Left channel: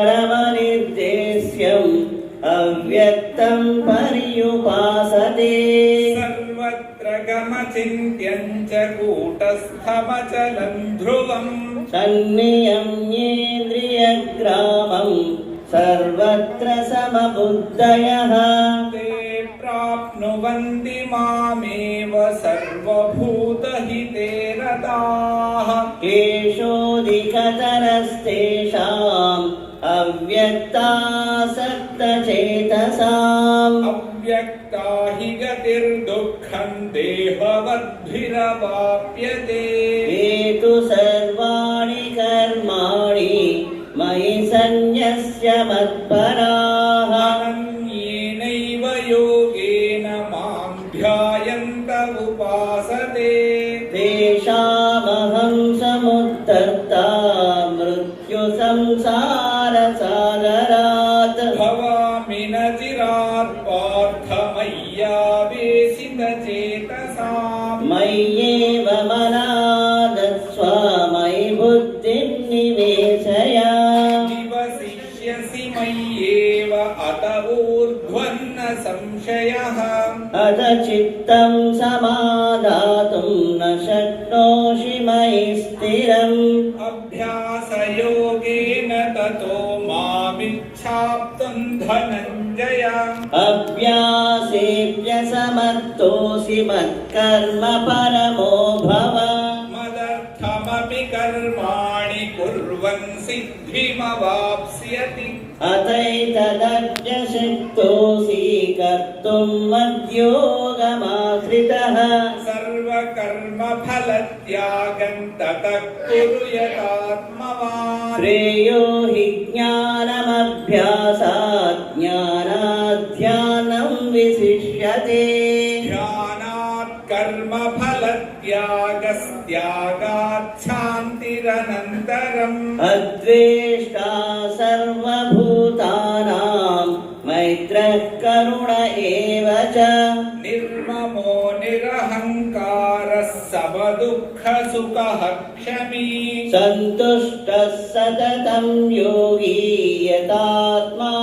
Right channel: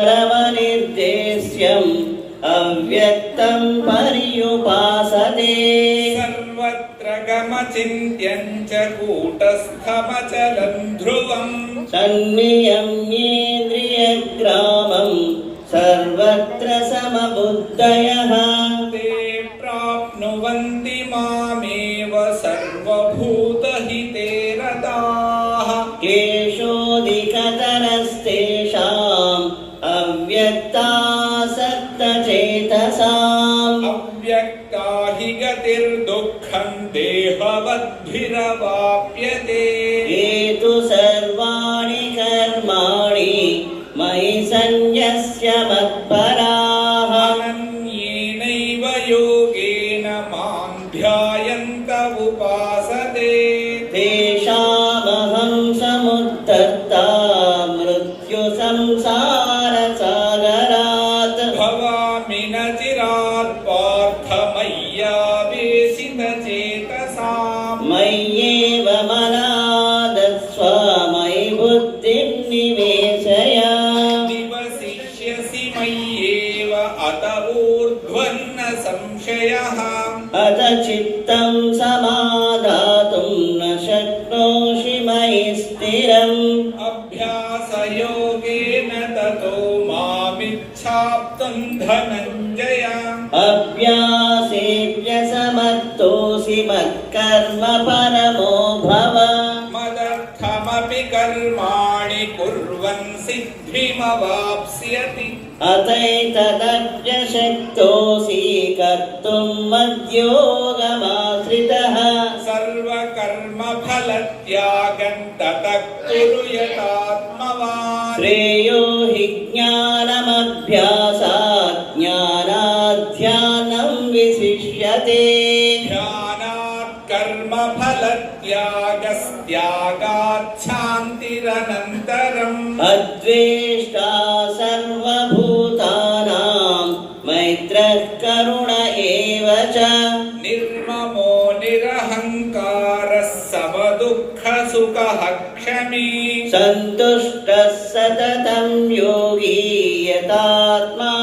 परमनिर्देश्यम् अव्यक्तम् पर्युपासते सर्वत्र गमचिन्त्यम् च कूटस्थमचलम् ध्रुवम् सन्नियम्येन्द्रियग्रामम् सर्वत्र समबुद्धयः ते प्राप्नुवन्ति मामेव सर्वभूतहिते रताः केषोऽधिकतरस्तेषाम् ेतसा अव्यक्ता हि गतिर्दुःखम् देहवद्भिरवाप्यते ने तु सर्वाणि कर्माणि मयि सन्न्यस्य मत्परा चित्तं समाधातुं न शक्नोषि मयि स्थिरम् अभ्यासयोगेन ततो मामिच्छाप्तम् धनञ्जय अभ्यासेव्य समर्थोऽसि मत्कर्म अतैतदर्जशक्तोऽसि कर्तुम् मद्योगमाश्रितः सर्वकर्मफलत्यागम् ततः कुरु यतात्मवान् श्रेयो हि ज्ञानमभ्यासात् ज्ञानाध्यानम् विशिष्यते ध्यानात् कर्मफलत्यागस्त्यागाच्छा नन्तरम् अद्वेष्टा मैत्रः करुण एव च निर्ममो निरहङ्कारः समदुःखसुखः क्षमी सन्तुष्टः सततं योगी यतात्मा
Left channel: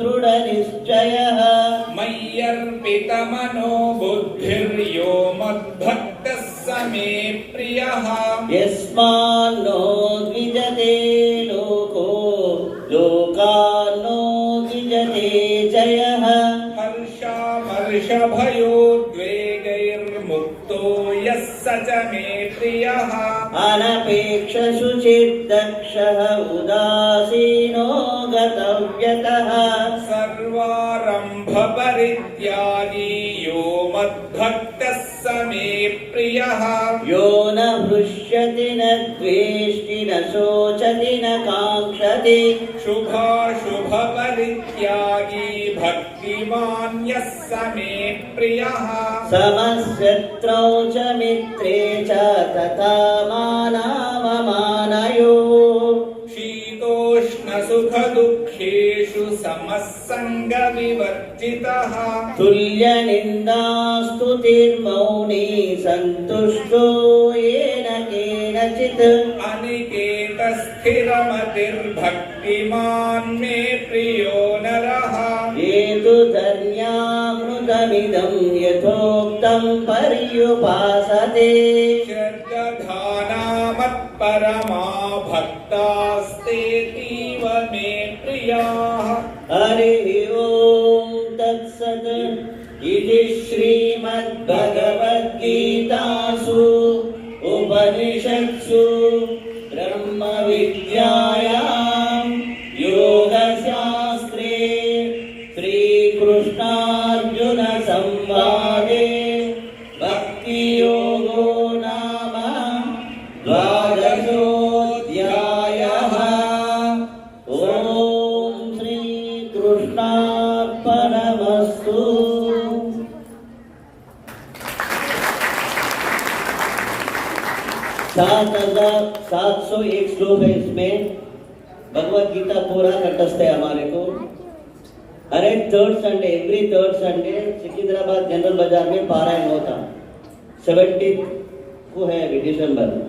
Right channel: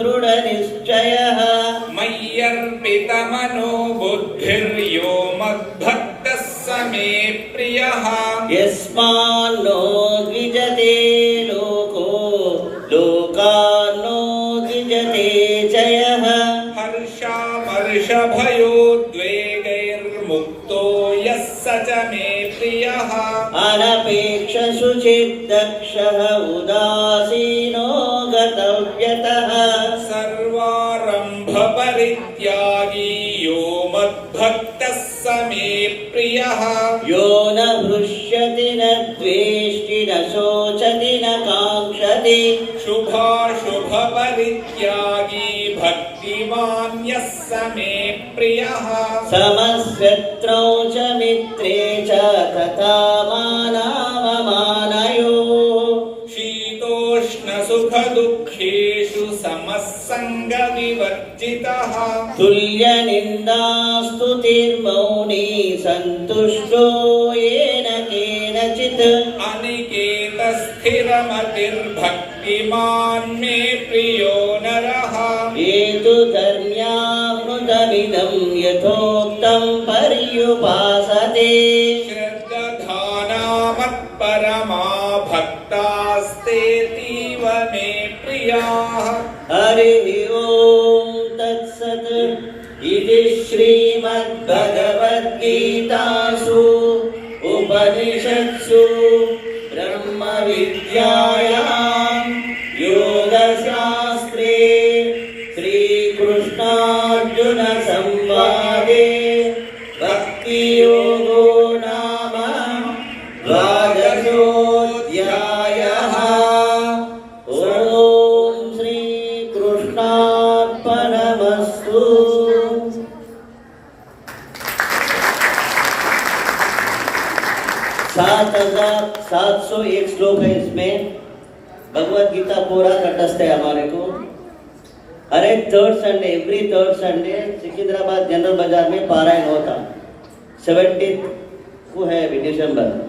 दृढनिश्चयः मय्यर्पितमनो बुद्धिर्यो मद्भक्तः स मे प्रियः यस्मात् ते चयः हर्षा हर्षभयो द्वेगैर्मुक्तो यः स च मे प्रियः अनपेक्षशुचित्तक्षर उदासीनो गतव्यतः सर्वारम्भपरित्यागी यो मद्भक्तः स मे प्रियः यो शुभाशुभपरित्यागी भक्तिमान्यः स मे प्रियः समशत्रौ च मित्रे च ततामानाममानयो शीतोष्णसुखदुःखेषु समः सङ्गविवर्जितः तुल्यनिन्दास्तुतिर्मौनी सन्तुष्टो येन केनचित् स्थिरमतिर्भक्तिमान् मे प्रियो नरः मेदुदर्यामृतमिदं यथोक्तं पर्युपासते कथानामत्परमा भक्तास्तेतीव मे प्रियाः हरि ओं दत्सद् इति श्रीमद्भगवद्गीतासु उपनिषत्सु ब्रह्मविद्या सात हजार सात सौ एक श्लोक है इसमें भगवत गीता पूरा कटस्थ है हमारे को हर एक third Sunday every third Sunday सिकिंदराबाद general बाजार में पारायण होता सेवेंटी को है अभी दिसंबर